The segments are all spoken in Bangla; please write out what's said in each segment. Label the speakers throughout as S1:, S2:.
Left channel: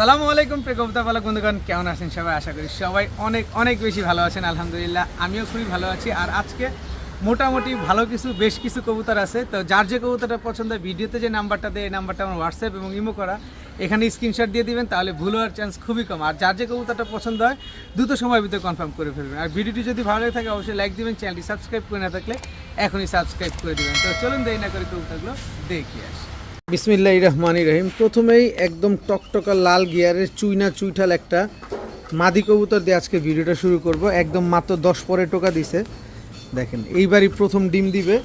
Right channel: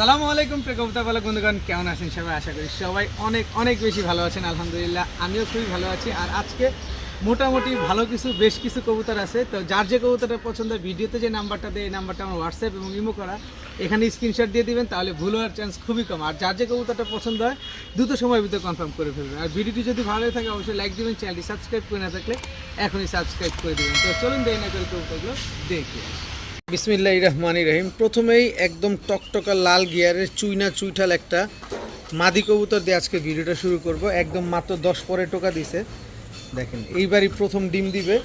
S1: সালামু আলাইকুম প্রেকবিতাবালা বন্ধুগণ কেমন আছেন সবাই আশা করি সবাই অনেক অনেক বেশি ভালো আছেন আলহামদুলিল্লাহ আমিও খুবই ভালো আছি আর আজকে মোটামুটি ভালো কিছু বেশ কিছু কবুতর আছে তো যার যে কবুতরটা পছন্দ ভিডিওতে যে নাম্বারটা দেয় এই নাম্বারটা আমার হোয়াটসঅ্যাপ এবং ইমো করা এখানে স্ক্রিনশট দিয়ে দিবেন তাহলে ভুল হওয়ার চান্স খুবই কম আর যার যে কবুতরটা পছন্দ হয় দ্রুত সময়ের ভিতরে কনফার্ম করে ফেলবেন আর ভিডিওটি যদি ভালো হয়ে থাকে অবশ্যই লাইক দিবেন চ্যানেলটি সাবস্ক্রাইব করে না থাকলে এখনই সাবস্ক্রাইব করে দেবেন তো চলুন দেয় না করে কবুতরগুলো দেখি আসি বিসমিল্লাহ রহমান রহিম প্রথমেই একদম টকটকা লাল গিয়ারের চুইনা চুইঠাল একটা মাদি কবুতর দিয়ে আজকে ভিডিওটা শুরু করব একদম মাত্র দশ পরে টোকা দিছে দেখেন এইবারই প্রথম ডিম দিবে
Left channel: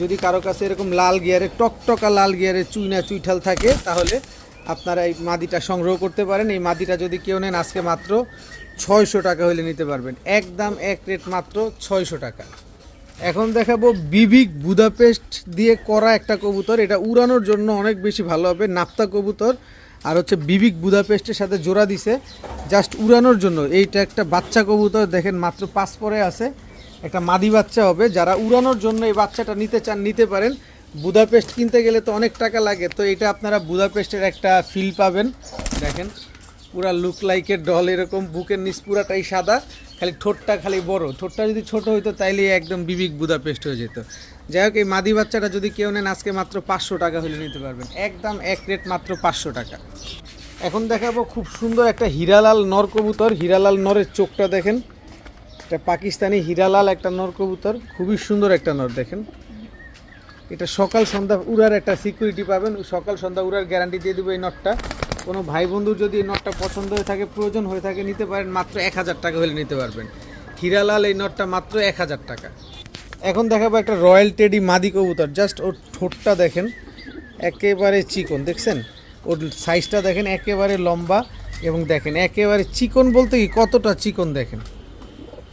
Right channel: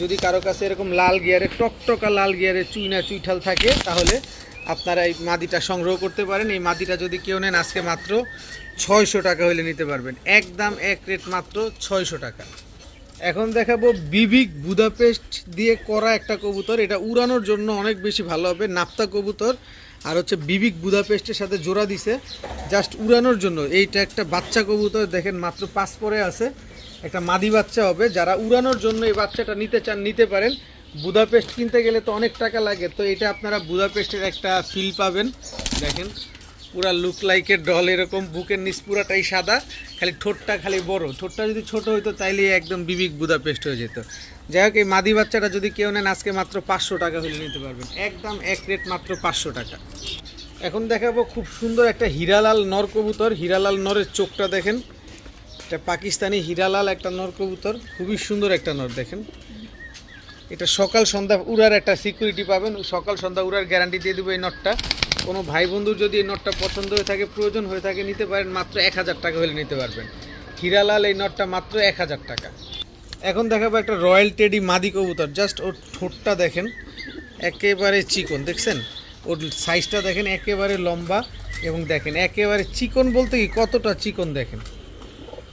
S1: যদি কারো কাছে এরকম লাল গিয়ারে টকটকা লাল গিয়ারে চুইনা চুইঠাল থাকে তাহলে আপনারা এই মাদিটা সংগ্রহ করতে পারেন এই মাদিটা যদি কেউ নেন আজকে মাত্র ছয়শো টাকা হলে নিতে পারবেন একদম এক রেট মাত্র ছয়শো টাকা এখন দেখাবো বিবিক বুদাপেস্ট দিয়ে করা একটা কবুতর এটা উড়ানোর জন্য অনেক বেশি ভালো হবে নাপ্তা কবুতর আর হচ্ছে বিবিক বুদাপেস্টের সাথে জোড়া দিছে জাস্ট উড়ানোর জন্য এইটা একটা বাচ্চা কবুতর দেখেন মাত্র পাঁচ পরে আছে একটা মাদি বাচ্চা হবে যারা উড়ানোর জন্য এই বাচ্চাটা নিতে চান নিতে পারেন বুদাপেস্ট কিনতে গেলে তো অনেক টাকা লাগে তো এটা আপনারা বুদাপেস্টের একটা ফিল পাবেন দেখেন পুরা লুক লাইকের ডল এরকম বুকের নিচ পুরাটাই সাদা খালি ঠোঁটটা খালি বড় ঠোঁটটা যদি ছোট হইতো তাইলে একদম বিবিক পেস্ট হয়ে যেত যাই হোক এই মাদি বাচ্চাটা যদি কেউ নেন আজকে মাত্র পাঁচশো টাকা হলে নিতে পারবেন একদম এক রেট মাত্র পাঁচশো টাকা এখন দেখাবো খুব সুন্দর একটা হীরালাল নর কবুতর হীরালাল নরের চোখটা দেখেন এটা পাকিস্তানি হীরালাল একটা নর কবুতর খুবই সুন্দর একটা নর দেখেন এটা সকাল সন্ধ্যা উড়ার একটা সিকিউরিটি পাবেন সকাল সন্ধ্যা উড়ার গ্যারান্টি দিয়ে দেবো এই নটটা কোনো ভাই বন্ধুর যদি এই নটটা পছন্দ হয়ে থাকে প্রয়োজন হয়ে থাকে নিতে পারেন মাত্র এক হাজার টাকা হলে নিতে পারবেন হিরালাল এই নটটা মাত্র এক হাজার টাকা এখন দেখাবো একটা রয়্যাল টেডি মাদি কবুতর জাস্ট ওর ঠোঁটটা দেখেন একেবারে চিকন দেখছেন ওর সাইজটা দেখেন একেবারে লম্বা এবং দেখেন একেবারে চিকন বলতে কি কতটা চিকন দেখেন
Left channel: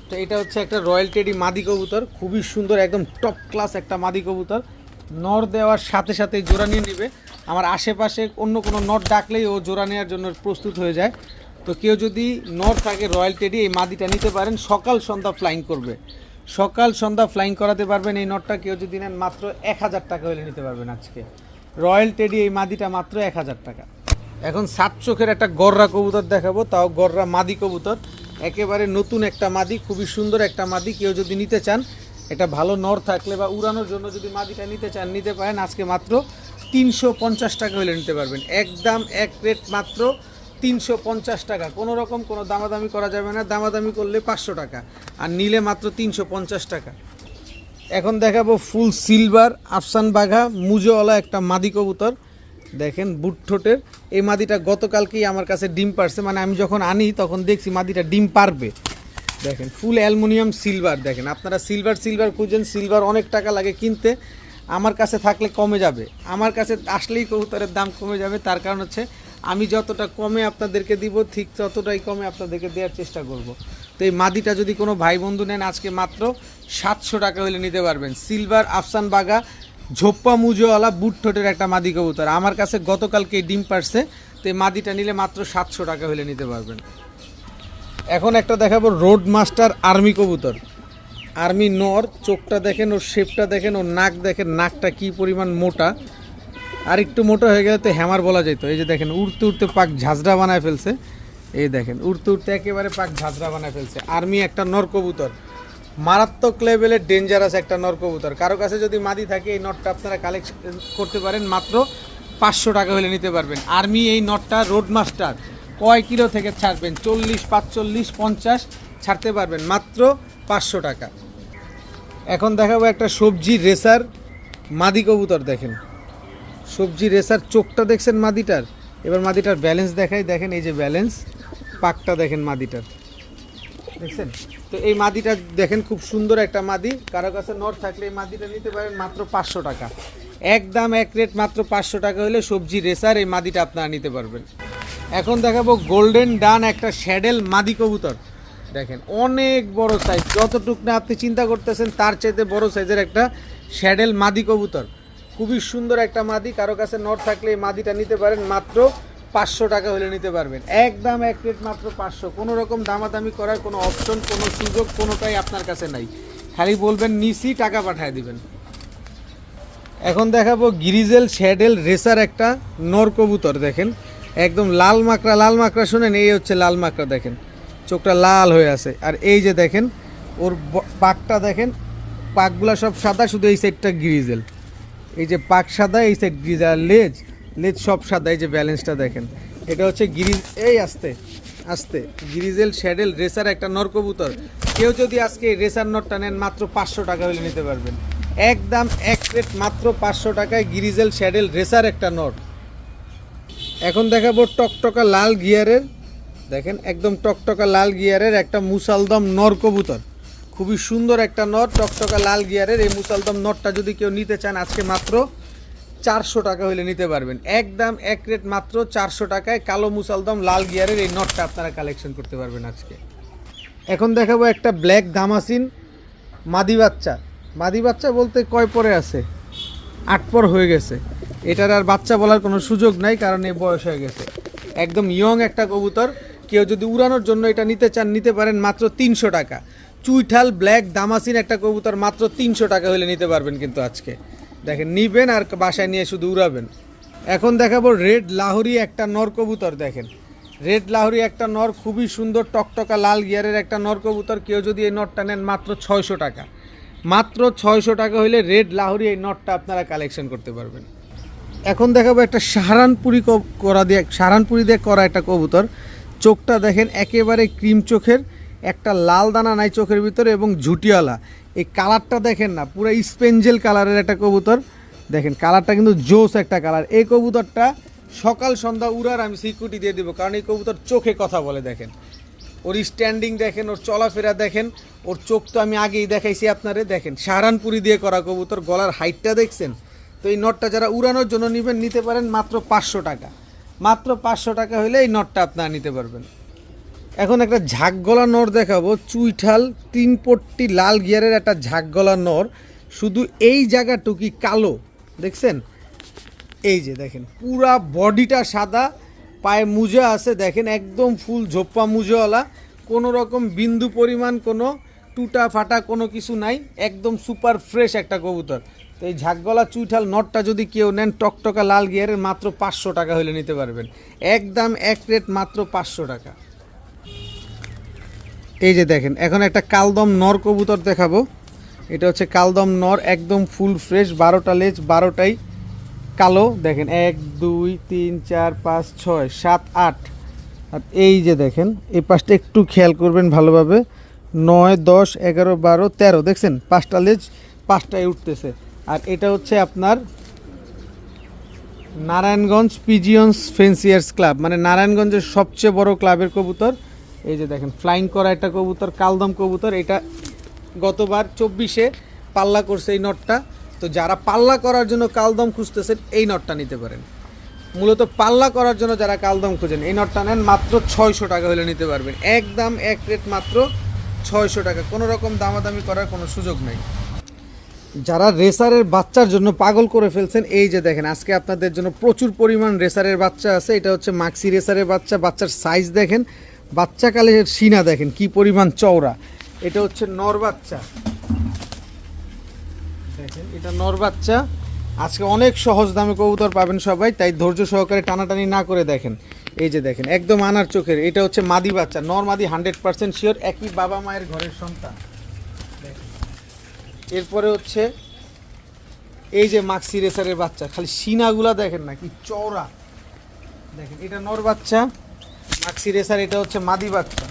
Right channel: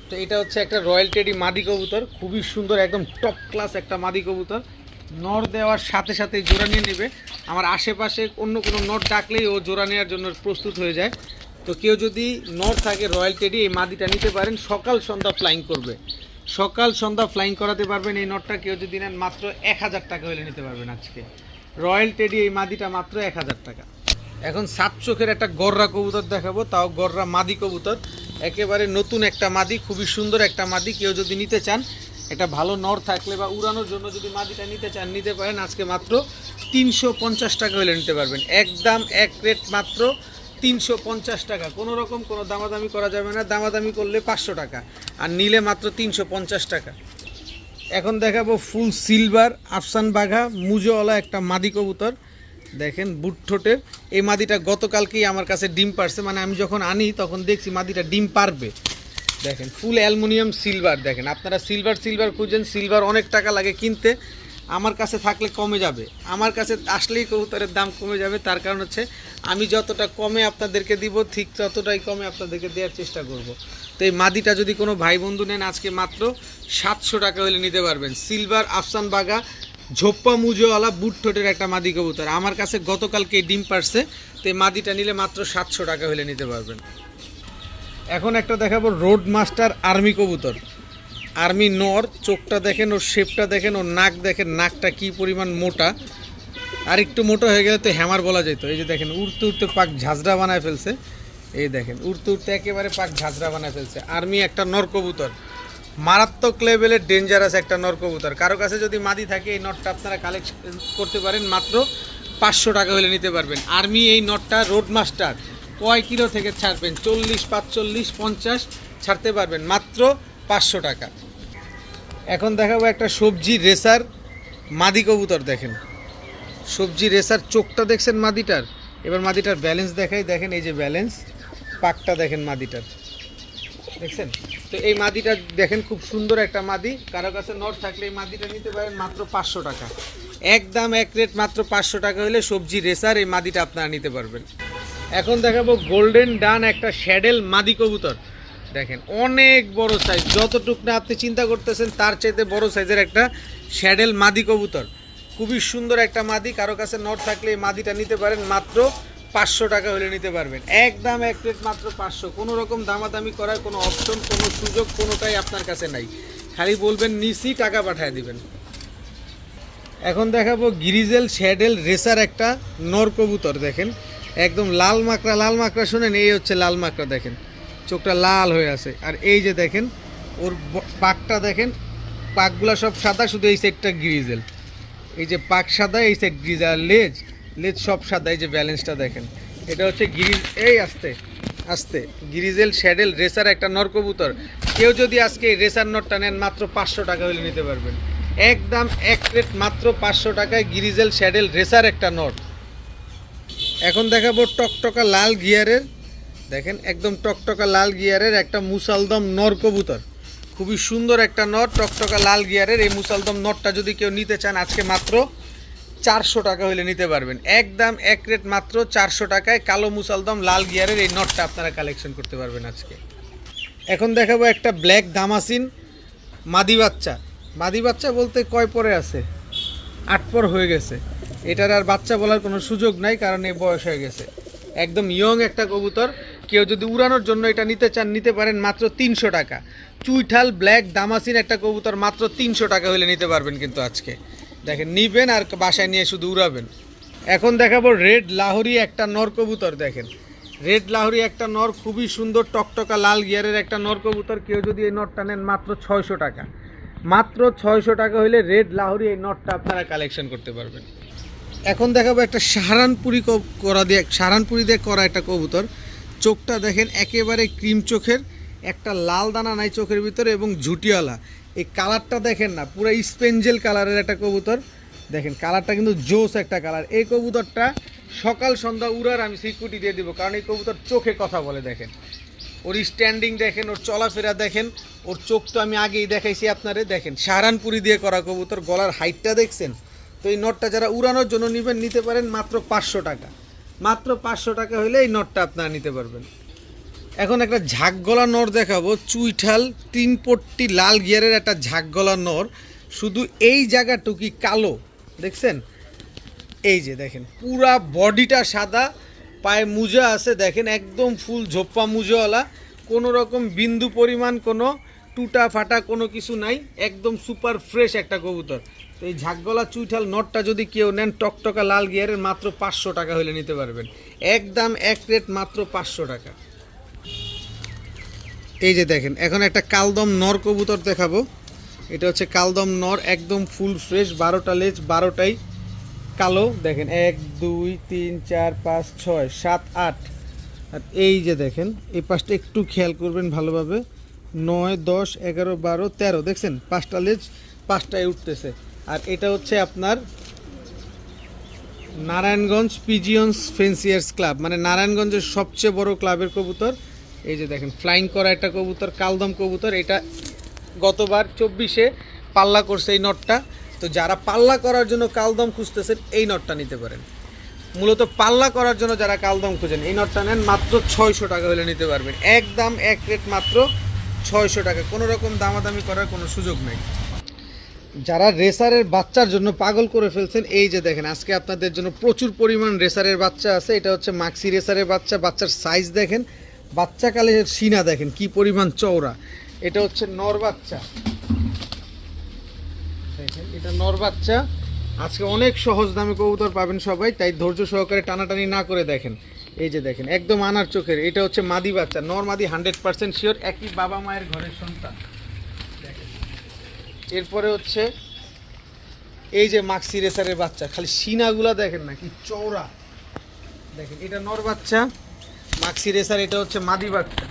S1: তো এটা হচ্ছে একটা রয়্যাল টেডি মাদি কবুতর খুবই সুন্দর একদম টপ ক্লাস একটা মাদি কবুতর নর দেওয়ার সাথে সাথে জোড়া নিয়ে নেবে আমার আশেপাশে অন্য কোনো নট ডাকলেই ও জোড়া নেওয়ার জন্য প্রস্তুত হয়ে যায় তো কেউ যদি নট থাকে রয়্যাল টেডি এই মাদিটা নিতে পারেন সকাল সন্ধ্যা ফ্লাইং করবে সকাল সন্ধ্যা ফ্লাইং করাতে পারবেন এই নটটা কেউ যদি নেন মাত্র এক হাজার টাকা হলে নিতে পারবেন আজকে রয়্যাল টেডি এই মাদিটা মাত্র এক হাজার টাকা এখন সাত চোখের একটা গররা কবুতর দেখাবো তাও গররা মাদি কবুতর একেবারে নতুন একটা মাদি খুবই সুন্দর একটা মাদি কেউ যদি নিতে চান একটা ভালো নর থাকলে বা উড়ানোর জন্য যদি মাদিটা নিতে চান নিতে পারেন আজকে মাত্র তিনশো পঞ্চাশ টাকা হলে নিতে পারবেন একদম এক রেট মাত্র তিনশো পঞ্চাশ টাকা কোনো রকম কোনো দামাদামি করা যাবে না দামাদামি করলে পাঁচশো টাকা আর নিলে মাত্র তিনশো পঞ্চাশ টাকা এখন দেখাবো ফুল সিলভার আফসান বাঘা মুজোওয়ালা একটা মাদি কবুতর দেখেন বুটঠোঁটের এই মাদিটা গতকালকেই আমার কাছে ডিম পারছে মানে আমি যখন আনি তখন দেখছি মাদিটা ডিম পারবে দেখেন ফুল অ্যালুমিনিয়াম সিলভার দেখেন আপনারা সিলভার সিলভার খুঁজছেন সিলভার অনেক টাকা লাগে কিনতে আমার কাছে থাকলে কমে যাবে আমার কাছে আসলেই কবুতরের দাম কমে যাবে তার কারণ হচ্ছে আমি যতটা কমে আপনাদেরকে দিব ঠিক ততটাই কমে আপনাদেরকে দেওয়ার চেষ্টা করব। তো এই মাদিটা যদি কোনো ভাই বন্ধু নেন আজকে মাত্র সাতশো টাকা হলে নিতে পারবেন সিলভার আফসান বাগা ঝোপ্পা মুজোওয়ালা বুট ঠোঁটের একটা মাদি কবুতর আমার কাছে গতকালকে ডিম পারছে তো এই মাদিটা নিলে মাত্র সাতশো টাকা হলে নিতে পারবেন এখন একটা দেখাবো রোড মাস্টার আর্মি কবুতর আর্মি নর চোখটা দেখেন ওর শেপটা দেখেন ওর নাক দেখেন নাকটা কি পরিমাণ মোটা আর একটু মোটা হয়ে গেলে তো হ্যামার বলা যেত এই যে দেখেন উড়তে উড়তে পাক ঝাঁঝরা বানায় ফেলছে এই দেখেন উড়তে উড়তে একেবারে পাক ঝাঁঝরা বানায় ফেলছে আর্মি একটা নর কবুতর মারাত্মক লেভেলের ডেঞ্জারাস একটা নর কবুতর কারো কাছে যদি মাদি থাকে এই নটটা আপনারা কালেকশন করতে পারেন মাত্র পাঁচশো টাকা হলে নিতে পারবেন আর্মি এই নটটা রোড মাস্টার কয় কিলো থেকে ছাড়বেন চল্লিশ পাঁচচল্লিশ পঞ্চাশ ছাড়তে পারবেন মাত্র পাঁচশো টাকা এখন দেখাবো একটা সবজি রেসার মাদি কবুতর দেখেন সবজি রেসার চোখটা দেখছেন মাদিটার এবার মাদিটার ব্যালেন্স দেখাই দেখেন এই যে ব্যালেন্স পাকটা দেখেন মাদিটার দেখছেন তো এই মাদিটা দেখেন খুব সুন্দর একটা মাদি কারো কাছে নট থাকলে এই মাদিটা নিতে পারেন মাত্র পাঁচশো টাকা এক দাম এক রেট মাত্র পাঁচশো টাকা হলে সবজি রেসার এই মাদিটা আপনারা নিতে পারবেন এখন দেখাবো গোল্ডেন ডান একটা শ্যাডেল মাদি কবুতর দেখেন অনেক বড় সাইজ যতটুক না আপনি চিন্তা করতেছেন তার চাইতে বড় সাইজের একটা শ্যাডেল মাদি কবুতর খুবই সুন্দর একটা মাদি কারো কাছে নট থাকলে এই মাদিটা নিতে পারেন মাত্র পাঁচশো টাকা হলে নিতে পারবেন এক দাম এক প্লেট মাত্র পাঁচশো কোনো রকম দামাদামি করার কোনো অপশন কোনো সুযোগ কোনোটাই আপনার কাছে নাই খালি বলবেন নিশি টাকা পাঠিয়ে দিবেন এখন দেখাবো গিরিজেল শ্যাডেল রেসার একটা নর কবুতর দেখেন একদম লাল মাকড়া লাল মাকড়া শোনেন এই হচ্ছে লাল মাকড়া দেখেন চোখটা লাল হয়ে আছে আর এই যে দেখেন ওর পাকটা দেখেন পাকগুলো সব সাদা শুধু এই সাইডটা গ্রিজেল এই যে পাক সাদা এই সাইড গ্রিজেল আর লেজ লেজ সব সাদা এই যে ব্যালেন্সটা দেখেন এটা হচ্ছে গিরিজ এই আসতে আসতে গিরিজেল শ্যাডেল রেসার একটা নরকবুতর কেউ যদি আজকে রেসার নটটা নেন মাত্র পাঁচশো টাকা হলে নিতে পারবেন একদম এক প্লেট মাত্র পাঁচশো টাকায় গিরিজেল শ্যাডেল রেসার একটা নট এখন দেখাবো টকটকা লাল গিয়ারের দেখেন একদম টকটকা লাল গিয়ারের একটা মুসালদম নর কবুতর খুবই সুন্দর একটা নর টকটকা লাল গিয়ারের এই মুসালদম নরটা যদি কেউ নিতে চান আজকে মাত্র চারশো টাকা হলে নিতে পারবেন একদম এক রেট মাত্র চারশো টাকায় কালো মুসালদম লাল গিয়ারের এই নটটা আপনারা কালেকশন করতে পারবেন আজকে এখন দেখাবো একটা ব্ল্যাক দামাসিন মাদি বাচ্চা মাদি বাচ্চা বলতে কয় পরে আছে আট পর হয়ে গেছে এটার আর বাচ্চা বলার কোনো সুযোগ নাই কারণ এ বয়স হয়ে গেছে একদম ইয়ং একটা কবুতর কেউ যদি উড়ানোর জন্য এটা নিতে চান নিতে পারেন মাত্র তিনশো টাকা চুইঠাল ব্ল্যাক দামাসিন একটা কবুতর মাত্র তিনশো টাকা হলে নিতে পারবেন কিন্তু আজকে দেখেন নিবেন আর বাসায় নিয়ে শুধু উড়াবেন এখন দেখাবো রেড লাহরি একটা নর কবুতর দেখেন রেড লাহরি একটা নর খুবই সুন্দর টকটকা লাল গিয়ারের একটা নর কবুতর কেউ যদি এই নরটা নেন মাত্র ছয়শো টাকা মাত্র ছয়শো টাকা হলে রেড লাহরি এই নটটা আপনারা কালেকশন করতে পারবেন এখন দেখাবো একটা সাহারানপুরি করা দিয়ে সাহারানপুরি দিয়ে করা একটা কবুতর চোখটা দেখেন একেবারে ক্রিম চোখের একটা লাল দানা নাই চোখের ভিতরে এবং ঝুটিওয়ালা এই কালারটা দেখেন না পুরো স্পেঞ্জেল কালারের একটা কবুতর দেখেন কালারটা কিন্তু জোস একটা কালার এই কবুতরটা সকাল সন্ধ্যা উড়ার আমি সিকিউরিটি দিয়ে দিব কারণ এই কবুতর চোখে কথা বলে দেখেন ওর স্ট্যান্ডিং দেখেন ওর চলাফেরা দেখেন ওর চোখ তো আমি আগেই দেখাইছি আপনারে দেখেন সাহারানপুরি দিয়ে করা কবুতর গলার হাইটটা দেখছেন তো এই নটটা যারা উড়ানোর জন্য নেবেন নিতে পারেন মাত্র পাঁচশো টাকা মাত্র পাঁচশো টাকা হলে এই নটটা আপনারা নিতে পারবেন এখন একটা গলা নর দেখাবো চুইঠাল তিন পট্টি লাল গিয়ারের একটা ঝাঁকগলা নর শুধু এই জায়গাটুকি কালো দেখছেন এই যে দেখেন পুরা বডিটা সাদা পায়ে মুজা আছে দেখেন একদম ফুল ঝোপ্পা মুজাওয়ালা কোনো রকম বিন্দু পরিমাণ কোনো টুটা ফাটা কোনো কিছু নাই একদম সুপার ফ্রেশ একটা কবুতর তো এই ঝাঁকগলা চুইঠাল নটটা যদি কেউ নেন টকটকা লাল গিয়ারের মাত্র পাঁচশো টাকা হলে নিতে পারবেন একদম এক রেট মাত্র পাঁচশো টাকা এই যে দেখেন এখন একটা কালদম নর কবুতর দেখাবো এটা হচ্ছে কালদম নর একদম ফুল ফ্রেশ বারোটা লেজ বারোটাই কালো দেখেন এক দুই তিন চার পাঁচ ছয় সাত আট আর এই যে দেখেন এই পাঁচটা একটু খেয়াল করবেন ভালোভাবে নয় দশ এগারো বারো তেরো দেখছেন পাঁচটা লেজ পাঁচটায় উঠতেছে আর এটা হচ্ছে আপনার নারায়ণগঞ্জ পিজিয়ন্স ফেন্সিয়ার্স ক্লাব মানে নারায়ণগঞ্জের সবচেয়ে বড় ক্লাবের কবুতর এই যে দেখেন ফ্লাইং করা একটা কবুতর কালদম কবুতর এটা গতবার চব্বিশে পাল্লা করছে এই নটটা তো যারা পাল্লা করার জন্য কালদম খুঁজতেছেন এই নটটা নিতে পারেন মূলত পাল্লা করার জন্য যারা কালদম খুঁজেন এই নটটা নেন মাত্র ছয়শো টাকা হলে নিতে পারবেন একদম এক রেট মাত্র ছয়শো টাকা কোনো রকম দামাদামি করার কোনো সুযোগ নেই যারা রেসারের বাচ্চার জন্য পাগল করে ফেলছেন এই যে দেখেন আজকে আপনাদের জন্য প্রচুর পরিমাণ রেসারের বাচ্চা আছে এটা হচ্ছে মাক্সি রেসারের বাচ্চা বাচ্চার সাইজ দেখেন বাচ্চাকালে সিনা দেখেন কি পরিমাণ চওড়া এটা হচ্ছে নর বাচ্চা দেখেন এটা নর বাচ্চা আজকে অনেক সহজ দামে কবুতর পাবেন সবাই তাই ধৈর্য সহকারে টানাটানি না করে দেখেন এই যে দেখেন একদম আনার চোখের এটা হচ্ছে মাদি বাচ্চা নর মাদি হান্ড্রেড পার্সেন্ট শিওর একই বাবা মায়ের ঘরের সন্তান এরপরে হচ্ছে এই যে মাক্সি রেসারের বাচ্চা খালি সিনাগুলা দেখেন না কি চওড়া দেখেন এটা নর বাচ্চা মাক্সি রেসার এটা হচ্ছে মাদি বাচ্চা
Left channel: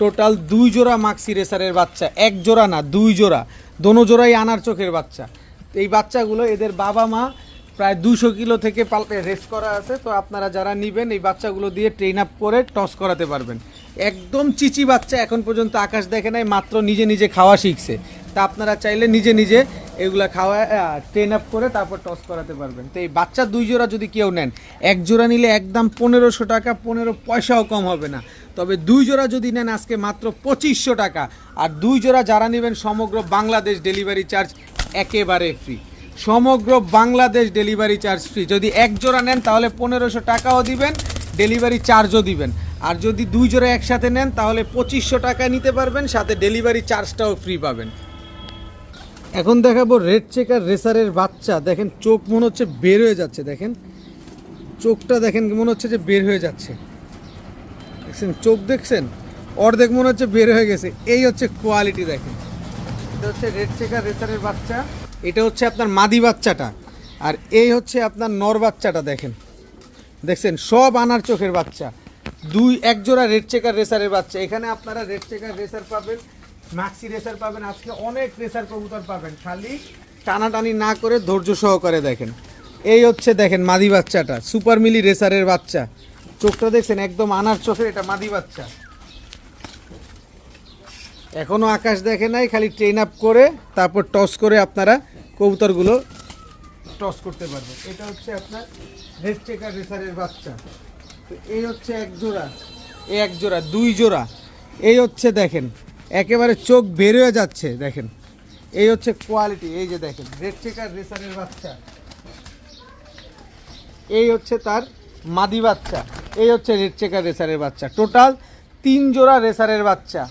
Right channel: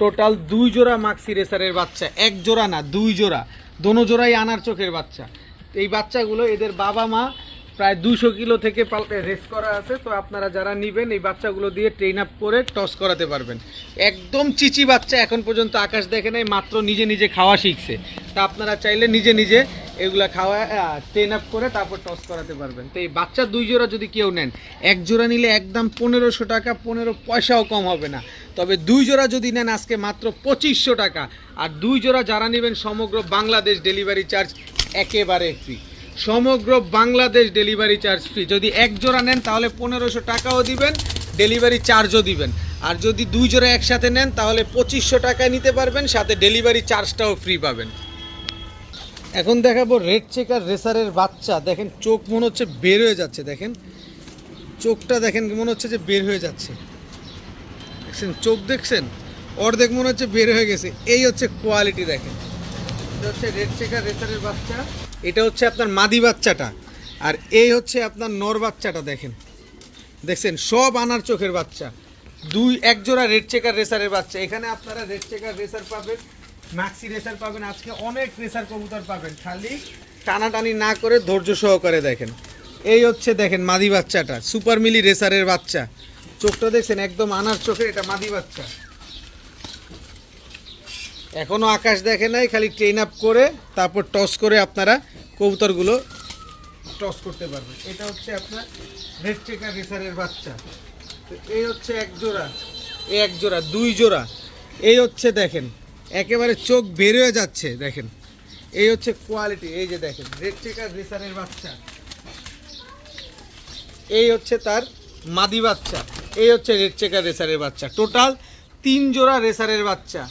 S1: টোটাল দুই জোড়া মাক্সি রেসারের বাচ্চা এক জোড়া না দুই জোড়া দোনো জোড়াই আনার চোখের বাচ্চা এই বাচ্চাগুলো এদের বাবা মা প্রায় দুশো কিলো থেকে পাল্টে রেস করা আছে তো আপনারা যারা নেবেন এই বাচ্চাগুলো দিয়ে ট্রেন আপ করে টস করাতে পারবেন একদম চিচি বাচ্চা এখন পর্যন্ত আকাশ দেখে নাই মাত্র নিজে নিজে খাওয়া শিখছে তা আপনারা চাইলে নিজে নিজে এগুলো খাওয়া ট্রেন আপ করে তারপর টস করাতে পারবেন তো এই বাচ্চা দুই জোড়া যদি কেউ নেন এক জোড়া নিলে একদম পনেরোশো টাকা পনেরো পয়সাও কম হবে না তবে দুই জোড়া যদি নেন আজকে মাত্র পঁচিশশো টাকা আর দুই জোড়া যারা নেবেন সমগ্র বাংলাদেশ ডেলিভারি চার্জ একেবারে ফ্রি সমগ্র বাংলাদেশ ডেলিভারি চার্জ ফ্রি যদি এক জোড়া নেন তাহলে পনেরোশো টাকাও দিবেন ডেলিভারি চার্জও দিবেন আর যদি দুই জোড়া একসাথে নেন তাহলে পঁচিশশো টাকা নিতে পারবেন সাথে ডেলিভারি চার্জটাও ফ্রি পাবেন এখন দেখাবো রেড চেকার রেসারের বাচ্চা দেখেন চোখ মনে হচ্ছে বের হয়ে যাচ্ছে দেখেন চোখটা দেখেন মনে হচ্ছে যে বের হয়ে যাচ্ছে দেখছেন চোখ দেখছেন অর্ধেক মনে হচ্ছে বের হয়ে গেছে এই হচ্ছে কোয়ালিটি দেখেন হচ্ছে রেড চেকার রেসারের বাচ্চা এটা হচ্ছে আপনার মাদি বাচ্চাটা আর এই হচ্ছে আপনার নর বাচ্চাটা দেখেন দেখছেন সব আনার চোখের বাচ্চা দুই এক জোড়া রেড চেকার রেসারের বাচ্চা এখানে আপনারা রেড চেকার রেসার পাবেন ম্যাক্সি রেসার পাবেন আজকে অনেক রেসার কবুতর পাবেন খালি টানাটানি না করে ধৈর্য সহকারে দেখেন এই হচ্ছে দেখেন মাদি বাচ্চাটা সুপার মিলি রেসারের বাচ্চা চোখটা দেখছেন একদম আনার চোখে এটা মাদি বাচ্চা এখনও আকাশ দেখে নাই খালি ট্রেন আপ করে তারপর টস করে আপনারা কবুতরগুলো টস করতে পারবেন এটা হচ্ছে আপনার রেড চেকার রেসারের বাচ্চা তো এই হচ্ছে এক জোড়া এই এক জোড়া দুই জোড়া এই হচ্ছে দেখেন একেবারে চোখ বেরোয় যাচ্ছে দেখেন এই হচ্ছে কোয়ালিটি এই যে দেখেন রেড চেকার রেসারের বাচ্চা এই হচ্ছে তার মাদি বাচ্চা এই হচ্ছে রেড চেকার রেসারের বাচ্চা টোটাল তিন জোড়া রেসারের বাচ্চা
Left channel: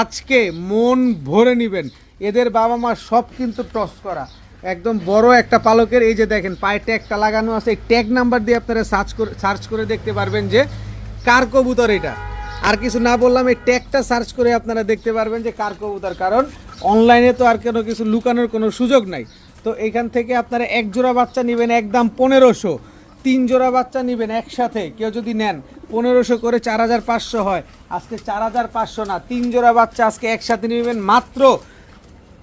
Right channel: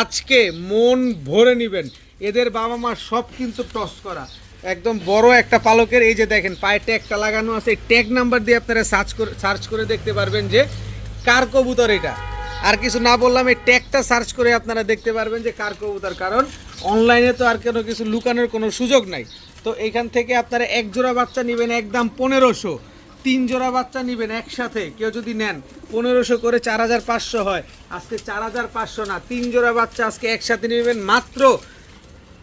S1: আজকে মন ভরে নেবেন এদের বাবা মা সব কিন্তু ক্রস করা একদম বড় একটা পালকের এই যে দেখেন পায়ে ট্যাগটা লাগানো আছে এই ট্যাগ নাম্বার দিয়ে আপনারা সার্চ করে সার্চ করে দেখতে পারবেন যে কার কবুতর এটা আর কিছু না বললাম এই ট্যাগটা সার্চ করে আপনারা দেখতে পারবেন যে কার কবুতর কারণ অনলাইনে তো আর কোনো কিছু লুকানোর কোনো সুযোগ নাই তো এখান থেকে আপনারা এক জোড়া বাচ্চা নেবেন একদম পনেরোশো তিন জোড়া বাচ্চা নেবেন একসাথে কেউ যদি নেন পনেরোশো করে চার হাজার পাঁচশো হয় আজকে চার হাজার পাঁচশো না তিন জোড়া বাচ্চা আজকে একসাথে নেবেন মাত্র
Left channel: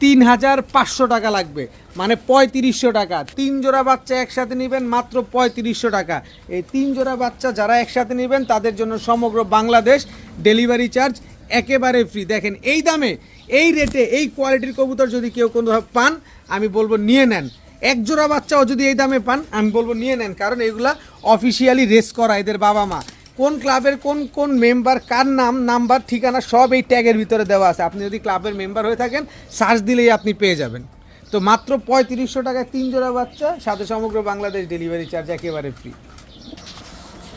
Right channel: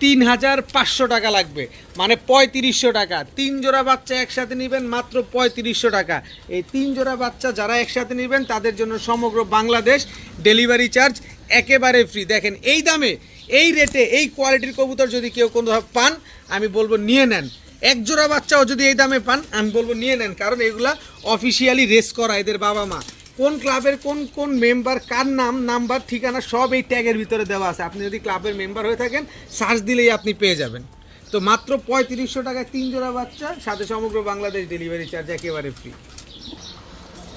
S1: তিন হাজার পাঁচশো টাকা লাগবে মানে পঁয়ত্রিশশো টাকা তিন জোড়া বাচ্চা একসাথে নেবেন মাত্র পঁয়ত্রিশশো টাকা এই তিন জোড়া বাচ্চা যারা একসাথে নেবেন তাদের জন্য সমগ্র বাংলাদেশ ডেলিভারি চার্জ একেবারে ফ্রি দেখেন এই দামে এই রেটে এই কোয়ালিটির কবুতর যদি কেউ কোনো পান আমি বলবো নিয়ে নেন এক জোড়া বাচ্চাও যদি এই দামে পান আমি বলবো নিয়ে নেন কারণ এগুলা অফিসিয়ালি রেস করা এদের বাবা মা কোন ক্লাবের কোন কোন মেম্বার কার নাম নাম্বার ঠিকানা সব এই ট্যাগের ভিতরে দেওয়া আছে আপনি যদি ক্লাবের মেম্বার হয়ে থাকেন সার্চ দিলেই আপনি পেয়ে যাবেন তো মাত্র পঁয়ত্রিশশো টাকায় তিন জোড়া বাচ্চা সাথে সমগ্র বাংলাদেশ ডেলিভারি চার্জ একেবারে ফ্রি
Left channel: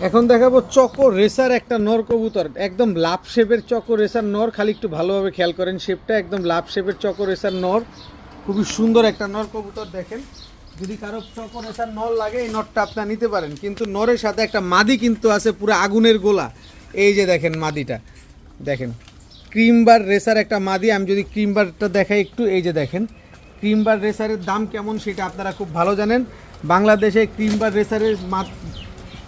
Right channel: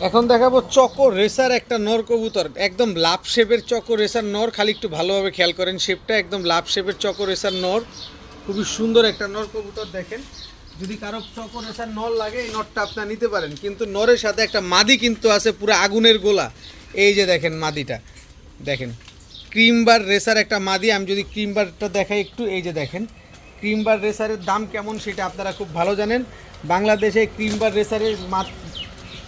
S1: এখন দেখাবো চকো রেসার একটা নর কবুতর একদম লাভ শেপের চকো রেসার নর খালি একটু ভালোভাবে খেয়াল করেন শেপটা একদম লাভ শেপের চকো রেসার নর খুবই সুন্দর একটা নর কবুতর দেখেন যদি কারো সকল আসার নর লাগে এই নরটা আপনার নিতে পারেন কিন্তু নরের সাথে একটা মাদি কিন্তু আছে পুরো আগুনের গোলা এই যে দেখেন মাদিটা দেখেন ক্রিমবার রেসার একটা মাদি আমি যদি ক্রিমবারটা দেখাই একটু এই যে দেখেন ক্রিমবার রেসারের দাম কেমন সেটা আপনারা খুব ভালো জানেন বাংলাদেশে ক্রিমবার রেসারের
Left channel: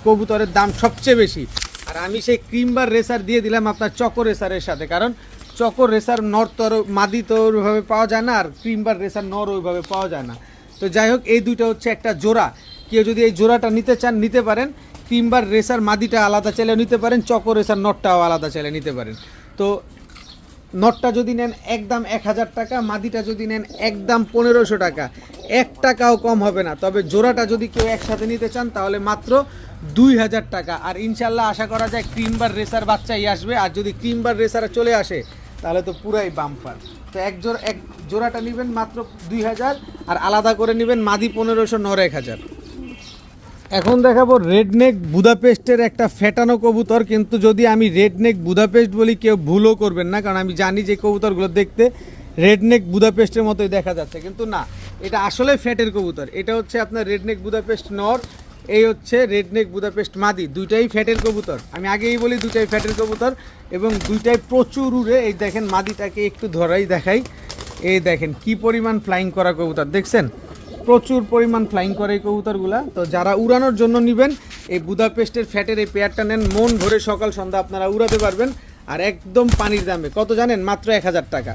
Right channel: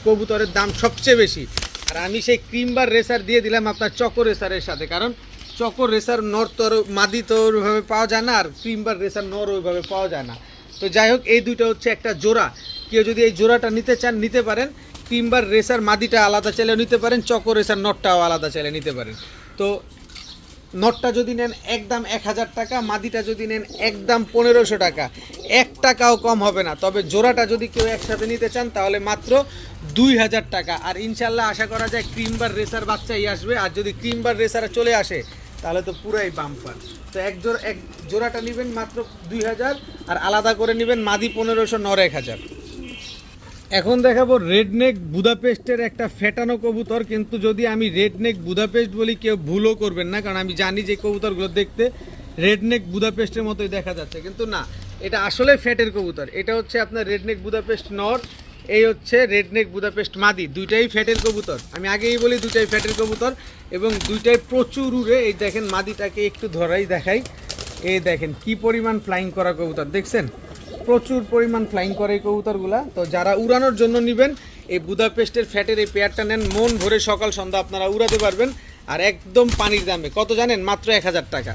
S1: কবুতরের দাম সবচেয়ে বেশি আর আমি সেই ক্রিমবার রেসার দিয়ে দিলাম আপনার চকো রেসারের সাথে কারণ চকর রেসার নর তো মাদি তো ওইভাবে পাওয়া যায় না আর ক্রিম্বার রেসার নর ওইভাবে পাওয়া যায় না তো যাই হোক এই দুইটা হচ্ছে একটা জোড়া কেউ যদি এই জোড়াটা নিতে চান নিতে পারেন ক্রিমবার রেসার মাদিটা আলাদা চাইলে নিতে পারেন চকর রেসার নটটাও আলাদা চাইলে নিতে পারেন তো নটটা যদি নেন একদম এক হাজার টাকা মাদিটা যদি নেন একদম পনেরোশো টাকা এক টাকাও কম হবে না তবে জোড়াটা যদি কেউ একসাথে নিতে চান তাহলে মাত্র দুই হাজার টাকা আর ইনশাল্লাহ আশা করা যায় ক্রিমবার রেসার বাচ্চাই আসবে আর যদি ক্রিমবার রেসার চলে আসে তাহলে তো পুরাই বাম্পার তো এক জোড়া এক জোড়াটা নেবেন মাত্র দুই হাজার আর আলাদা করে নেবেন মাদি পনেরোশো নর এক হাজার এখন দেখাবো রেডনেক বুদাপেস্টের একটা ফেটানো কবুতর কিন্তু যদি আমি রেডনেক বুদাপেস্ট বলি কেউ ভুলও করবেন না কারণ আমি জানি যে কবুতরগুলো দেখতে রেডনেক বুদাপেস্টের মতোই দেখা যাচ্ছে কিন্তু না এটা আসলে ফ্যাটের কবুতর এটা হচ্ছে আপনার রেডনেক বুদাপেস্ট নট এই হচ্ছে রেডনেক বুদাপেস্ট মাদি দুইটাই ফ্যাটের কবুতর আমি আগেই বলি দুইটাই ফ্যাটের কবুতর এবং দুইটাই প্রচুর উড়ে এই দেখেন মাদিটাকে একটু ধরাই দেখাই এই দেখেন কি পরিমাণ ফ্লাইং করা কবুতর দেখছেন প্রচুর পরিমাণ ফ্লাইং করে এই কবুতরগুলা তো যারা উড়ানোর জন্য নেবেন এই বুদাপেস্টের ফ্যাটের এই পেয়ারটা নেন মন ভরে সকাল সন্ধ্যা আপনারা উড়াতে পারবেন আর একদম পানির দামে কত জানেন মাত্র এক হাজার টাকা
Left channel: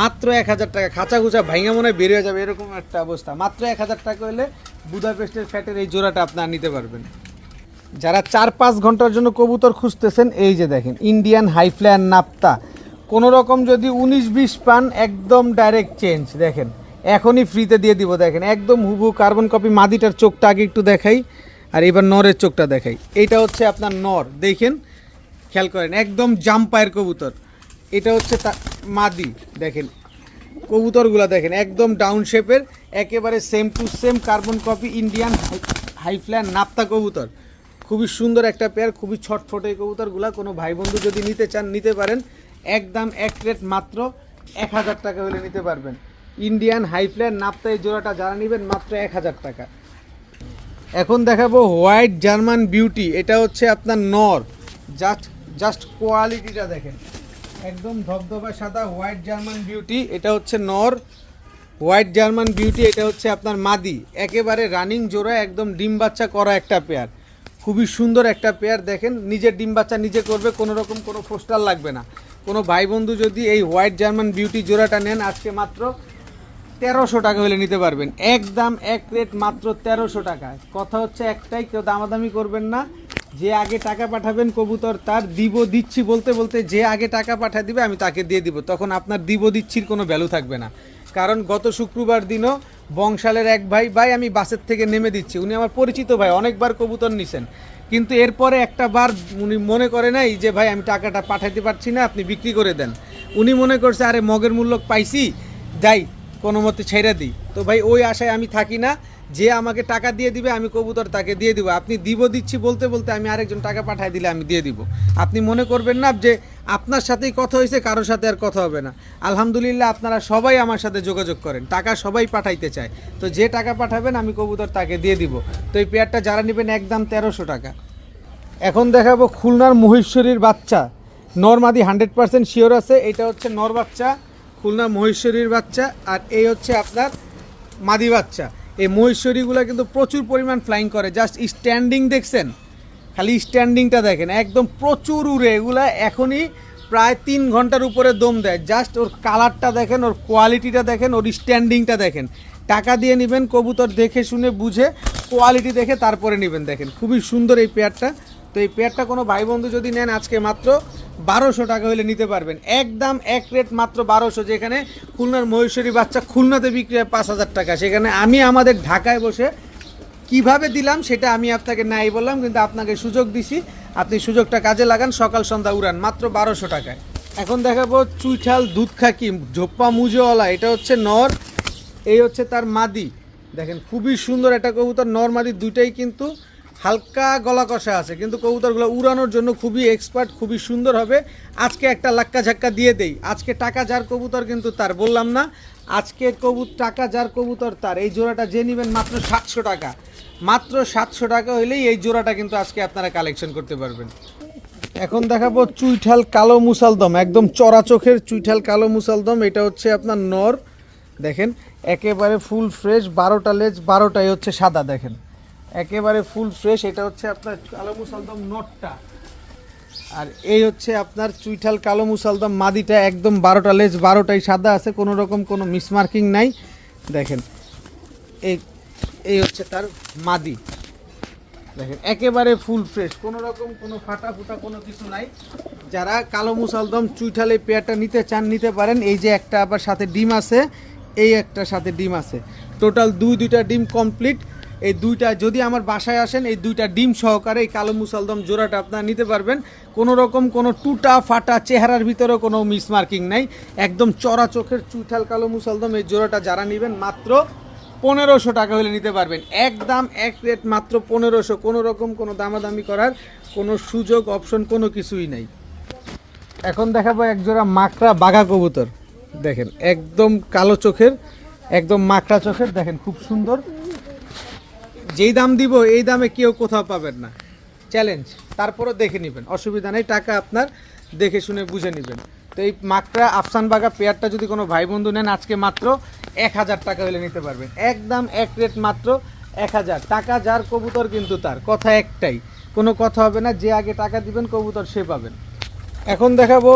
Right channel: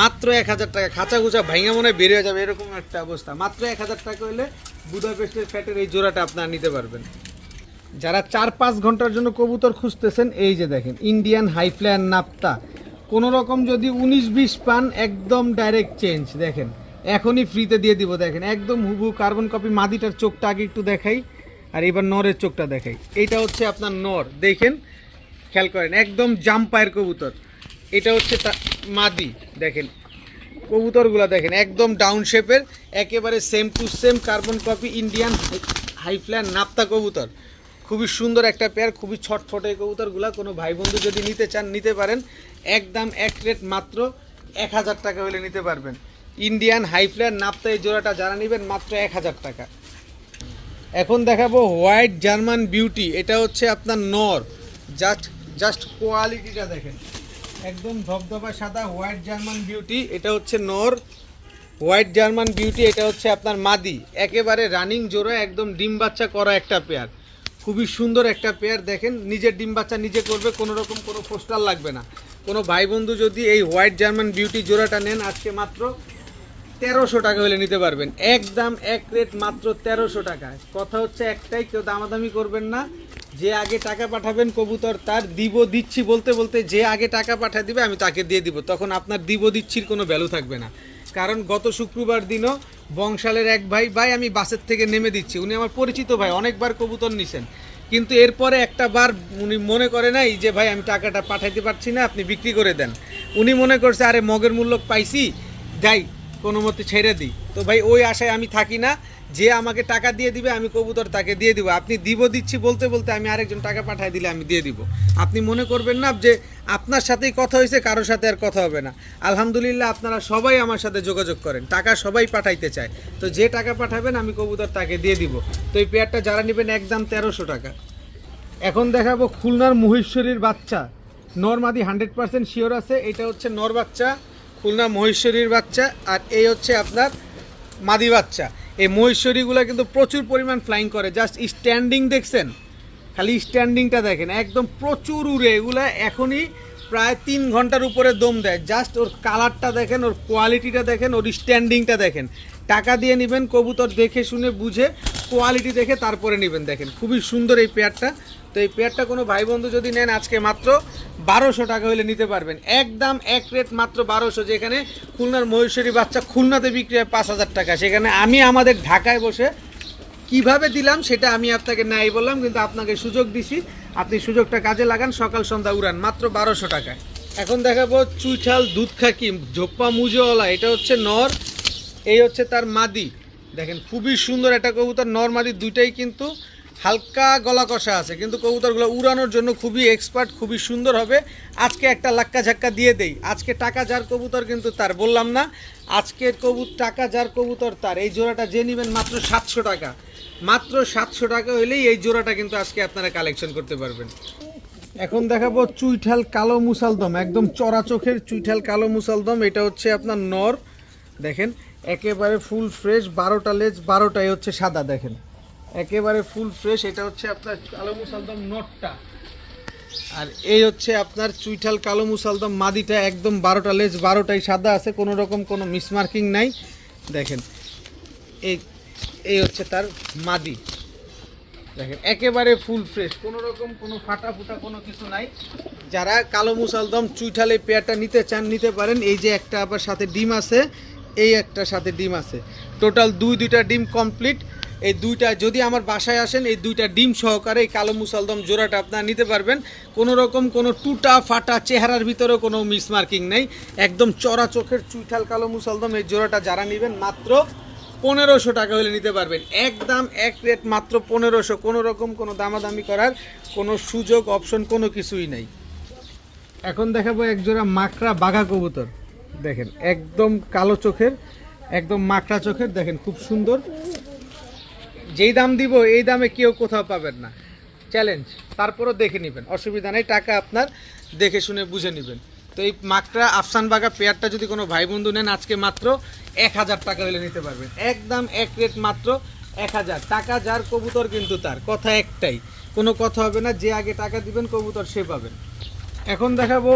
S1: মাত্র এক হাজার টাকা খাঁচা খুঁচা ভাইঙা মনে হয় বেরিয়ে যাবে এরকম একটা অবস্থা মাত্র এক হাজার টাকা হলে বুদাপেস্টের ফ্যাটের এই জোড়াটা আপনারা নিতে পারবেন যারা চার পাঁচ ঘন্টার জন্য কবুতর খুঁজতেছেন এই যে দেখেন ইন্ডিয়ান হাইফ্লায়ার নাপ্তা কোনো রকম যদি উনিশ বিশ পান একদম ডাইরেক্ট চেঞ্জ দেখেন এখনই ফ্রিতে দিয়ে দিব দেখেন একদম হুবু কার্বন কপি মাদিটার চোখটা আগে একটু দেখাই আর এবার নরের চোখটা দেখাই এটা হচ্ছে আপনার নর দেখেন খেয়াল করেন একদম জাম্পায়ের কবুতর এটা হচ্ছে মাদি দেখেন কবুতরগুলা দেখেন একদম ডাউন শেপের একেবারে same to same carbon copy Indian হাইফ্ল্যান নাপ্তা কবুতর খুবই সুন্দর একটা পেয়ার খুবই এই কবুতরগুলা কোনো ভাই বন্ধু যদি নিতে চান নিতে পারেন একদম এক রেট মাত্র এক হাজার টাকা হলে নিতে পারবেন ইন্ডিয়ান হাইফ্ল্যান নাপতে এই জোড়াটা যারা নেবেন মাত্র এক হাজার টাকা এখন দেখাবো হোয়াইট জার্মান বিউটি এটা হচ্ছে আপনার নর জাস্ট জাস্ট কোয়ালিটিটা দেখেন একদম ধবধবা সাদা হোয়াইট জার্মান বিউটি এটা হচ্ছে নর হোয়াইট জার্মান বিউটি এটা হচ্ছে আপনার মাদি একেবারে রানিং জোড়া একদম ডিম বাচ্চা করা একটা পেয়ার খুবই সুন্দর একটা পেয়ার দেখেন নিজের ডিম বাচ্চা নিজে করবে কোনো রকম কোনো পোস্টার লাগবে না কোনো ভাই বন্ধু যদি এই হোয়াইট জার্মান বিউটি জোড়াটা নেন আজকে মাত্র তেরোশো টাকা হলে নিতে পারবেন দাম এক রেট মাত্র তেরোশো টাকায় কথা হচ্ছে একটাই কেউ দামাদামি করবেন না যে আগে টাকা পাঠাবেন কবুতর তার দিব দিচ্ছি বলতে বলতে যে আগে টাকা পাঠা দিবে আমি তাকে দিয়ে দিব তখন আপনার দিব দিচ্ছির কোনো ভ্যালু থাকবে না কারণ গত শুক্রবার দিনও বংশালের এক ভাই ভাই আমি বাসের থেকে নেমে দিচ্ছি উনি আমার পরিচিত ভাই অনেকবার কবুতর নিছেন কিন্তু এরপরে একটা বার উনি মনে করে নাই যে ভাই আমি টাকাটা পাঠাইতে পারছি না আপনি বিক্রি করে দেন উনি মনে করছে আরে মগের মূল্য পাইছি যাই কোনো মতে ছেড়ে দিই তো ভাই ওই আশায় আমি থাকি না যে আমাকে টাকা দিয়ে দিবে আমি কবুতর তাকে দিয়ে দিব আপনি দিব দিচ্ছি বলতে বলতে আমি আরেকজন টাকা পাঠাই দিলে আমি দিয়ে দিব আপনি মনে করবেন না যে আপনার সাথেই কথা হয়েছে কারোর সাথে আর কথা হবে না আলহামদুলিল্লাহ আপনারা সবাই আমার সাথে যোগাযোগ করেন টাকা সবাই পাঠাইতে চায় তো যে টাকা পাঠাবেন আমি কবুতর তাকে দিয়ে দিব তো এই পেয়ারটা যারা নেবেন একদম তেরোশো টাকা এখন দেখাবো খুলনার মহেশ্বরীর বাচ্চা নর্মাদি হান্ড্রেড পার্সেন্ট শিওর আছে এটা হচ্ছে নর বাচ্চা খুলনা মহেশ্বরীর বাচ্চা আর এই হচ্ছে আপনার মাদি বাচ্চা এই মহেশ্বরীগুলো কিন্তু প্রচুর পরিমাণ ফ্লাইং করে জাস্ট স্ট্যান্ডিং দেখছেন খালি স্ট্যান্ডিংটা দেখেন একদম প্রচুর উড়ে এগুলা এখনই প্রায় তিন ঘন্টার উপরে দম দেয় জাস্ট ওর কালারটা দেখেন ওর কোয়ালিটিটা দেখেন ওর স্ট্যান্ডিংটা দেখেন টাকা দিয়ে নেবেন কবুতর দেখে শুনে বুঝে কোয়ালিটি দেখে তারপরে নেবেন দেখেন খুবই সুন্দর এই পেয়ারটা তো এই পেয়ারটা কোনো ভাই বন্ধু যদি নেন আজকে মাত্র বারোশো টাকা হলে নিতে পারবেন একদম এক রেট মাত্র বারোশো যেখানে খুলনার মহেশ্বরী বাচ্চা খুলনাতে বিক্রি হয় পাঁচ হাজার টাকা সেখানে আমি আমাদের ঢাকায় বসে কিভাবে দিলাম সেটা আমি আপনাকে নাই বললাম কিন্তু আপনাকে সুযোগ দিছি আপনি সুযোগটা কাজে লাগান সকাল সন্ধ্যা উড়ান মাত্র বারোশো টাকায় এখন দেখাবো চুইঠাল দুধ খাকি ঝোপ্পা মুজওয়ালা এটা হচ্ছে নর এই হচ্ছে তার মাদি দেখেন খুবই সুন্দর একটা কবুতর নর মাদি দুটাই কিন্তু হালকা গলা কষা আছে কিন্তু কবুতরগুলো উড়ানোর জন্য খুবই এক্সপার্ট খুবই সুন্দর হবে আজকে একটা লাক্কা ঝাক্কা দিয়ে দেই আজকে টাকা যার কবুতর কিন্তু তার বললাম না আজকে কবুত টাকা যার কবুতর তার এই জোড়াটা যে নেবেন মাত্র সাতশো টাকা মাত্র সাতশো টাকা হইলেই এই জোড়াটা কিন্তু আজকে আপনারা কালেকশন করতে পারবেন এখন দেখাবো চুইঠাল কালো মুসালদম একদম চড়া চোখের চুইঠাল কালো মুসালদম এটা হচ্ছে আপনার নর দেখেন একেবারে ফুল ফ্রেশ বারোটা লেজ বারোটাই হচ্ছে সাদা দেখেন একেবারে ফুল ফ্রেশ এটা হচ্ছে আপনার কালো মুসালদম নটটা আর এই হচ্ছে আপনার চুইঠাল কালো মুসালদম মাদিটা একদম বারোটা লেজ বারোটাই সাদা আছে কোনো রকম কোনো মিসমার্কিং নাই দেখেন এই এই হচ্ছে তার মাদি দেখেন একেবারে ফুল ফ্রেশ কোনো রকম কোনো ফাটা ফুটা কোনো কিছু নাই যারা কালো মুসালদম চুইঠাল এই পেয়ারটা নিতে চান নিতে পারেন এই যে একটা আবার সাথে ডিম আছে এই একটা সাথে ডিম আছে টোটাল দুই দুইটা ডিম কমপ্লিট এই দুইটা যদি আমার বাসায় আসেন এই দুইটা ডিম সহকারে এই কালো মুসালদম জোড়াটা আপনারা নিতে পারবেন কোনো রকম কোনো টুটা ফাটা চেহারার ভিতরে কোনো মিসমার্কিং নাই একদম চড়া চোখের চুইঠাল কালো মুসালদম এই জোড়াটা যারা নেবেন মাত্র পনেরোশো টাকা হলে নিতে পারবেন এক দাম এক প্লেট মাত্র পনেরোশো কোনো রকম কোনো দামাদামি করার কোনো সুযোগ অপশন কোনো কিছুই নাই এখন দেখাবো জোড়া মাকড়া বাঘা কবুতর দেখেন একদম কালো চোখের একদম মাকড়া চোখের দেখেন খুব সুন্দর যেই দাম দিব এই দামে কেউ কোথাও পাবেন না চ্যালেঞ্জ তারপরও দেখে নেবেন অসুবিধা নেই টাকা আপনার দেখে শুনে বুঝে নেবেন তো এই মাকড়া আফসান বাগা পেয়ারটা যদি কোনো ভাই বন্ধু নেন আজকে মাত্র এক হাজার টাকা হলে নিতে পারবেন একদম এক রেট মাত্র এক হাজার টাকা যার কবুতর কিন্তু তার কথা একটাই কোনো কথা হবে না যে আগে টাকা দিবেন কবুতর সে পাবেন এখন দেখাবো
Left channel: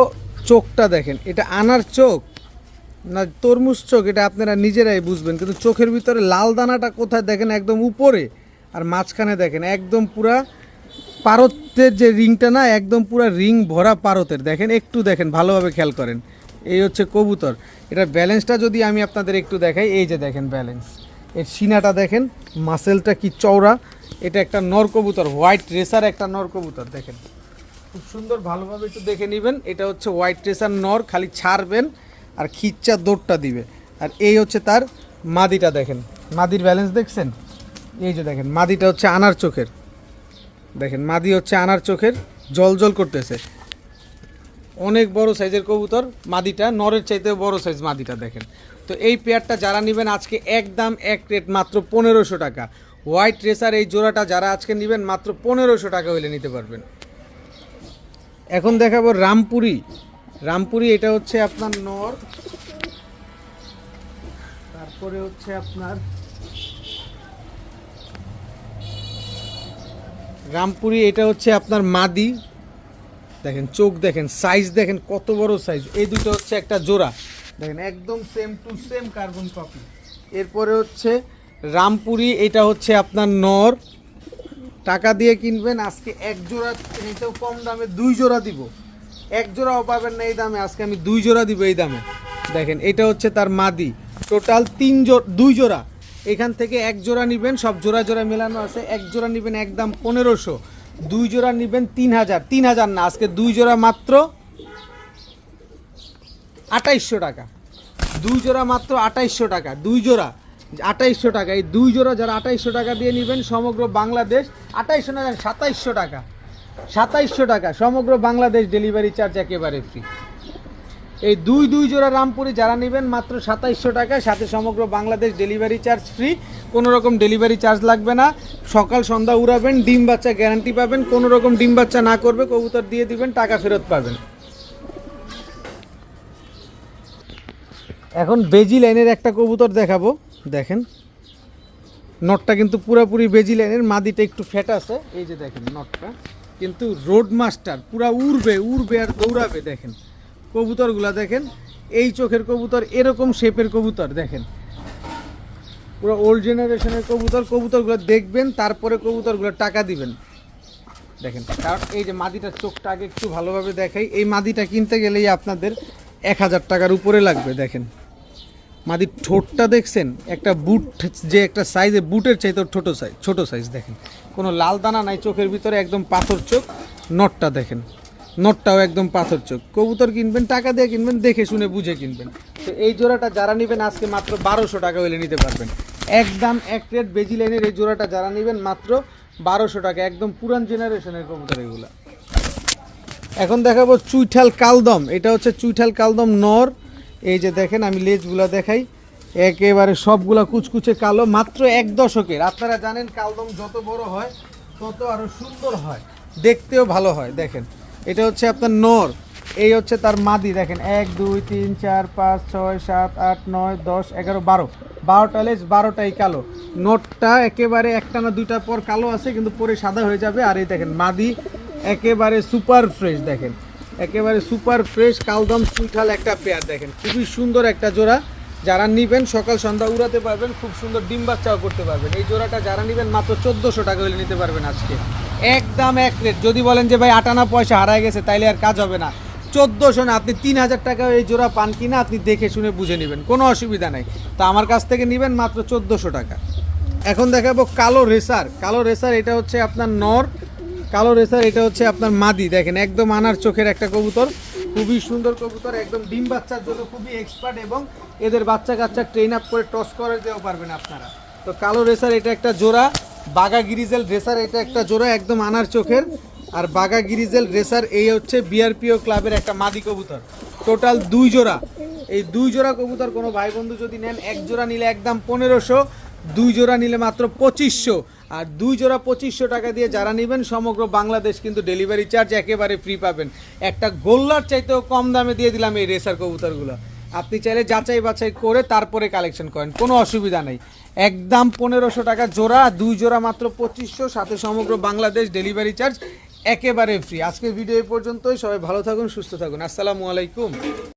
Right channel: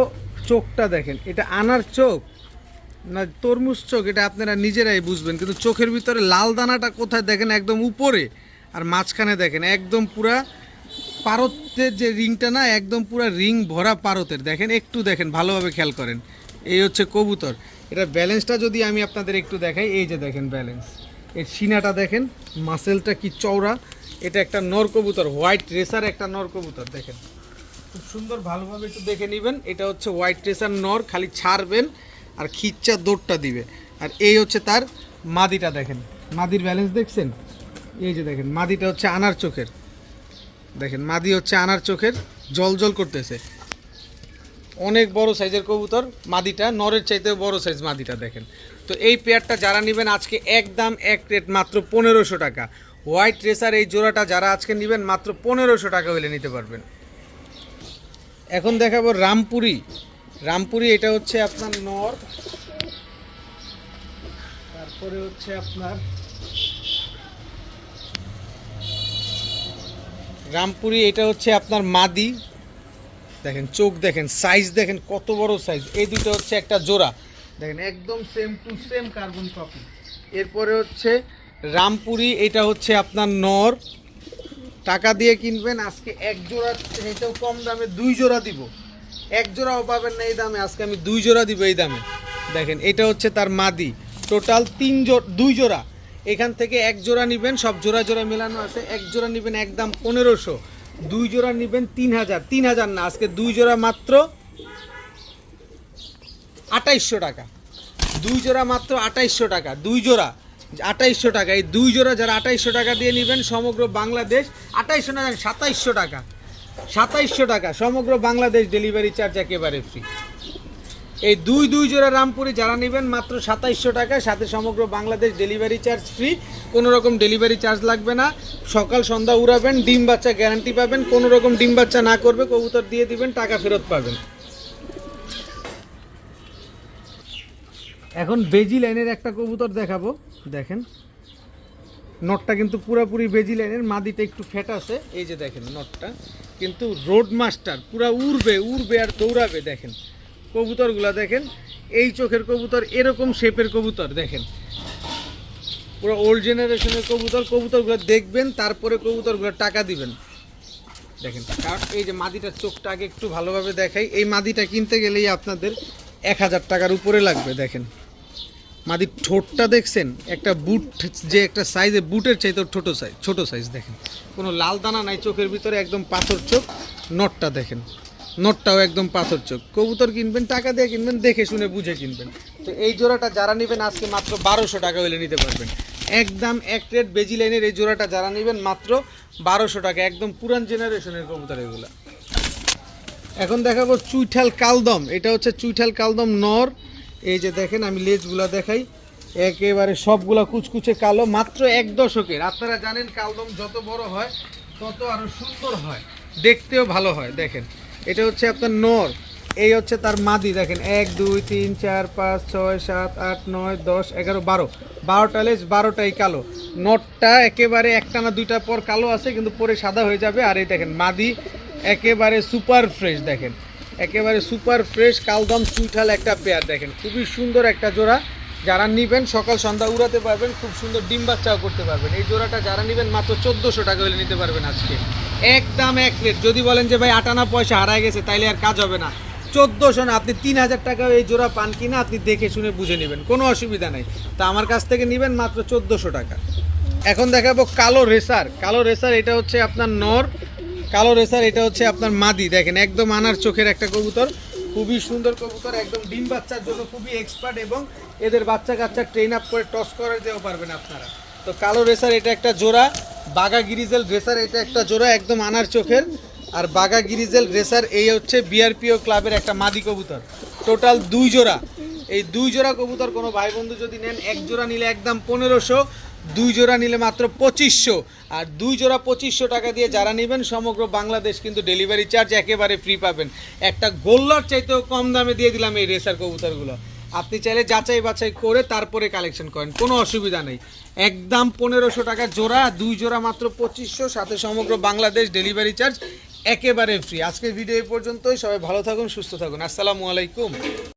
S1: চোখটা দেখেন এটা আনার চোখ না তরমুজ চোখ এটা আপনারা নিজেরাই বুঝবেন কিন্তু চোখের ভিতরে লাল দানাটা কোথায় দেখেন একদম উপরে আর মাঝখানে দেখেন একদম পুরা পারতের যে রিংটা না একদম পুরা রিং ভরা পারতের দেখেন একটু দেখেন ভালোভাবে খেয়াল করেন এই হচ্ছে কবুতর এটা ব্যালেন্সটা যদি আমি আপনাদের একটু দেখাই এই যে দেখেন ব্যালেন্স এর সিনাটা দেখেন মাসেলটা কি চওড়া এটা একটা নর কবুতর হোয়াইট রেসার একটা নর কবুতর দেখেন খুব সুন্দর ভালোভাবে একটু দেখে নেবেন এটা হচ্ছে হোয়াইট রেসার নর খালি ছাড়বেন আর খিচ্চা দৌড়টা দিবে আর এই হচ্ছে তার মাদিটা দেখেন মাদির ব্যালেন্স দেখছেন এই যে দেখেন মাদিটা হচ্ছে আনার চোখের দেখেন মাদি হচ্ছে আনার চোখের জল জল করতেছে অনেক বড় সাইজের কবুতর মাদিটা নরের চাইতেও বড় সাইজ মাদিটা দেখেন তো এই পেয়ারটা যারা নেবেন আজকে একদম এক রেট মাত্র পনেরোশো টাকা হোয়াইট রেসার এই জোড়াটা যারা আজকে নেবেন মাত্র পনেরোশো টাকা হলে নিতে পারবেন এখন দেখাবো রামপুরি রামপুরি এটা হচ্ছে আপনার নর তারপরে হচ্ছে আপনার রামপুরি এটা হচ্ছে আপনার মাদি দেখেন চোখ দেখেন সাইজ দেখেন কত বড় সাইজ এই দুটো হচ্ছে একটা জোড়া দেখেন একদম same to same carbon copy এরপরে হচ্ছে রামপুরি এটা হচ্ছে আপনার নর টাকা দিয়ে কিনবেন আজকে এক জোড়া এটাও কম দামে দুই জোড়া দিব এক জোড়াও পাবেন না এই দামে আজকে আমি দুই জোড়া দিব এই দামে দেখেন এটা হচ্ছে তার মাদি টোটাল তিন জোড় দুই জোড়া এখান থেকে এক জোড়া নেবেন সব জোড়া জোড়া মেলানো আছে এক জোড়া নেবেন একদম পনেরোশো দুই জোড়া নেবেন তিন হাজার তিন হাজার না আজকে দুই জোড়া মাত্র আঠাইশশো টাকা দুই জোড়া মাত্র আঠাইশশো টাকা দুই জোড়া আঠাইশশো টাকা এই দুই জোড়া যারা আঠাইশশো টাকা দিয়ে নেবেন সমগ্র বাংলাদেশ আঠাইশশো না সাতাইশশো টাকা সাতাইশশো টাকা সমগ্র বাংলাদেশ ডেলিভারি চার্জ একেবারে ফ্রি এই দুই দুই জোড়া রামপুরি যারা নেবেন মাত্র সাতাইশশো টাকা সাথে সমগ্র বাংলাদেশ ডেলিভারি চার্জ ফ্রি কোনো রকম ডেলিভারি চার্জ লাগবে না সকাল সন্ধ্যা উড়াবেন ডিম বাচ্চা গ্যারান্টি পাবেন কোনো রকম ডিম বাচ্চা না করবে কবুতর দিয়ে দিবেন টাকা ফেরত পাবেন এখন বেজি লাইনের একটা কবুতর দেখাবো দেখেন নটটা কিন্তু পুরোপুরি বেজি লাইনের মাদিটা একটু ফেট আছে এই যে দেখেন নটটা কিন্তু রোড মাস্টার পুরা উড়বে উড়বে আর দৌড়াবে দেখেন কবুতরগুলা দেখেন এই চোখের কবুতর এরকম শেপের কবুতর দেখেন পুরো ওল্ড জেনারেশনের কবুতর কবুতরগুলো দেখবেন তারপরে কবুতরগুলো টাকা দিবেন দেখেন কারণ এই যে মাদিটার চোখটা আগে একটু ভালোভাবে দেখাই এই মাদিটা কিনতে গেলেই আপনাদের এক হাজার টাকার উপরে লাগবে দেখেন মাদি ঠোঁটটা দেখছেন একটা বুট যে একটা সাইজে বুটের চাই তোর ছোটো সাইজ ছোটো সাইজ দেখেন কোনো লাল দানা নাই চোখের ভিতরে একদম পাথর চোখ নটটা দেখেন নটটাও একদম পাথর চোখ কবুতর কিনবেন টাকা দিয়ে কিনবেন দেখে শুনে বুঝে কিনবেন তো এই জোড়াটা যারা নেবেন আজকে মাত্র বারোশো টাকা হইলে নিতে পারবেন একদম এক রেট বেজি লাইনের এই জোড়াটা যারা নেবেন মাত্র বারোশো টাকা একদম পুরান জেনারেশনের কবুতর এগুলো এখন দেখাবো চুইঠাল কালদম এটা হচ্ছে চুইঠাল কালদম নর এই যে দেখেন আমি লেজগুলা দেখাই একেবারে সবগুলা কুচকুচে কালো মাত্র এক দশকের আপনারা জানেন কালদম যত বড় হয় তত আরও সুন্দর হয় দেখতেও ভালো হয় দেখেন এটা হচ্ছে আপনার নর এই হচ্ছে তার মাদি দেখেন এক দুই তিন চার পাঁচ ছয় সাত আট নয় দশ এগারো বারো বারোটা লেজ বারোটাই কালো নটটা একেবারে একটা না দুইটা পর কালো আছে কিন্তু পরে সাদা হয়ে যাবে আর এই দেখেন মাদি একেবারে সুপার ফ্রেশ দেখেন একেবারে সুপার ফ্রেশ কালদম সুইঠাল একটা পেয়ার দেখেন খুবই সুন্দর একটা জোড়া যারা নেবেন সকাল সন্ধ্যা উড়াতে পারবেন খুব সুন্দর ডিম বাচ্চাও করতে পারবেন এই জোড়াটা যারা নেবেন মাত্র চোদ্দোশো টাকা হলে নিতে পারবেন আজকে একদম এক রেট যদি বলেন যে ভাই আটানা পয়সা হারায় গেছে তাইলে আর কাজ হবে না চোদ্দোশো না আপনি তিন হাজার টাকা এই জোড়া পান কিনা আপনি দেখে শুনে বুঝে নেবেন কোনো অসুবিধা নেই তা আমার কাছ থেকে নেবেন মাত্র চোদ্দোশো টাকা এখন দেখাবো কালো রেসার কালো রেসার এটা হচ্ছে আপনার নর কালো রেসার এটা হচ্ছে আপনার মাদি দেখেন একদম আনার চোখের একটা কবুতর খুবই সুন্দর কবুতর একদম ডিম বাচ্চার জন্য খুবই এক্সপার্ট এবং এদের বাচ্চা কাচ্চা ট্রেন আপ করে টস করে দিতেও পারবেন আপনারা তো কালো রেসার এটা একটা জোড়া বাগা গিরিজেল রেসার এটা একটা জোড়া একদম আনার চোখের আর বাগা গিরিজেল রেসার এই হচ্ছে বিআরপিও ক্লাবের একটা মাদি কবুতর টোটাল দুই জোড়া এই দুই জোড়া কবুতর কোনো ভাই বন্ধু যদি নেন এক জোড়া নিলে একদম পনেরোশো দুই জোড়া নিলে মাত্র পঁচিশশো আর দুই জোড়া পঁচিশশো টাকা দিয়ে যারা নেবেন সমগ্র বাংলাদেশ কিন্তু ডেলিভারি চার্জ একেবারে ফ্রি পাবেন একটা গোল্লার চাইতেও কম দামে দিয়ে দিলাম এই রেসার কবুতরগুলো আপনি চাইলে যাচাই বাছাই করে তারপরে কালেকশন করেন কোনো অসুবিধা নেই একদম পনেরোশো টাকা জোড়া দুই জোড়া মাত্র পঁচিশশো সাথে সমগ্র বাংলাদেশ ডেলিভারি চার্জ একেবারে ফ্রি আজকের ভিডিও এই পর্যন্তই সবাই ভালো থাকুন সুস্থ থাকুন আসসালামু আলাইকুম